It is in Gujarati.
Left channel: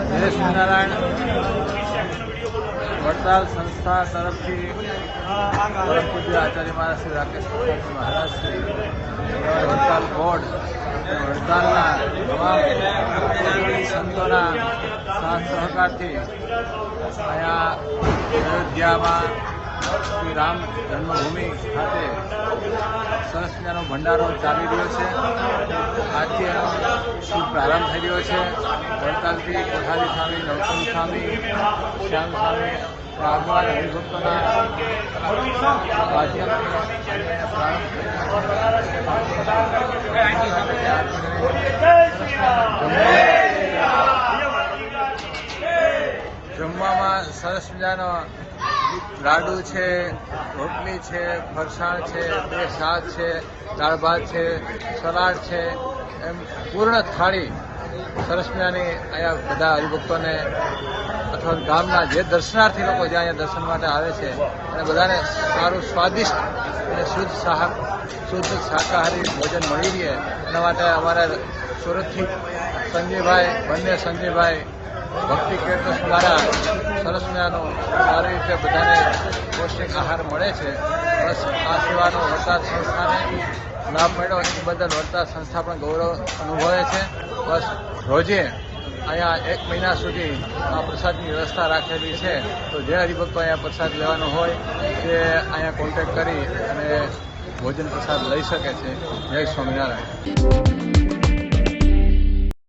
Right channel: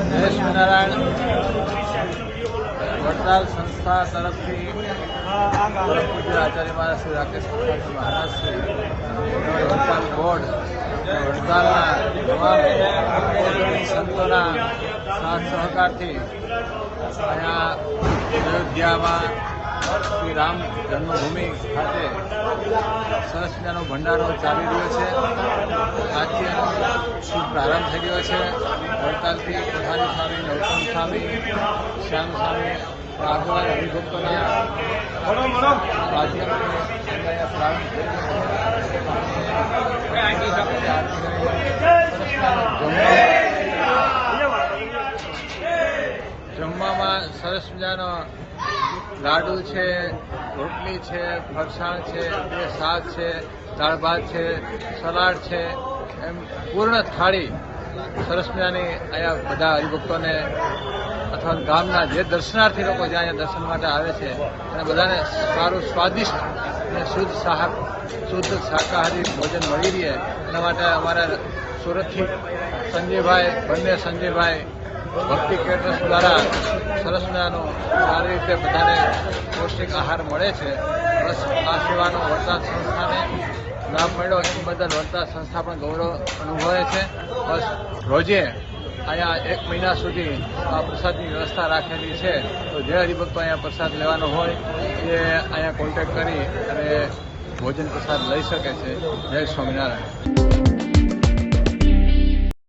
જય સ્વામિનારાયણ વડતાલ સંસ્થા તરફથી પરમ પૂજ્ય આચાર્ય મહારાજ શ્રી રાકેશ મહારાજ શ્રી વડતાલ બોર્ડ વડતાલના તમામ અગ્રણી સંતોના સાથ સહકારથી અહીંયા અયોધ્યામાં શ્રી રામ જન્મભૂમિ ખાતે સરસ મજાનો ભંડારો ચાલી રહ્યો છે. આજથી એનો શુભ પ્રારંભ થઈ રહ્યો છે. વડતાલથી કોઠારી સ્વામી, નવતમ સ્વામી, શ્યામ સ્વામી આગળ હરિભક્તોના માધ્યમથી અહીંયા પ્રારંભ થઈ રહ્યો છે. જમવામાં સરસ મજાનો લાડુ છે, રોટલી છે, ફરસાણ છે, 2 શાક છે, દાળ ભાત છે, સલાડ છે, એમ પૂર્ણ થાળી સરસ મજાની અહીંયા બધા હરિભક્તોને અથવા ગામના જે દર્શનાર્થી લોકો જે અહીંયા દર્શન માટે આવે છે અને બધાને સારું સ્વાદિષ્ટ અને શુદ્ધ શાકાહારી ભોજન મળી રહે એના માટે અમારા સુરતથી સંજયભાઈ ભક્તિ કેટરર્સ દ્વારા સરસ મજાનો સારી રીતે બધાને પૌષ્ટિક આહાર મળે છે. બસ આ સેવાનો વડતાલ સંસ્થાને લાભ મળ્યો એ બદલ વડતાલ સંસ્થા પણ ગૌરવ અનુભવે છે. બસ રોજે અહીંયા 1 મહિના સુધી આ પ્રસાદની વ્યવસ્થા રાખેલી છે. તો જે હરિભક્તો અહીંયા પ્રસાદ લેવાનો હોય તે અહીંયા કોન્ટેક્ટ કરી અને ભોજન પ્રસાદ લઈ શકે છે. જય સ્વામિનારાયણ.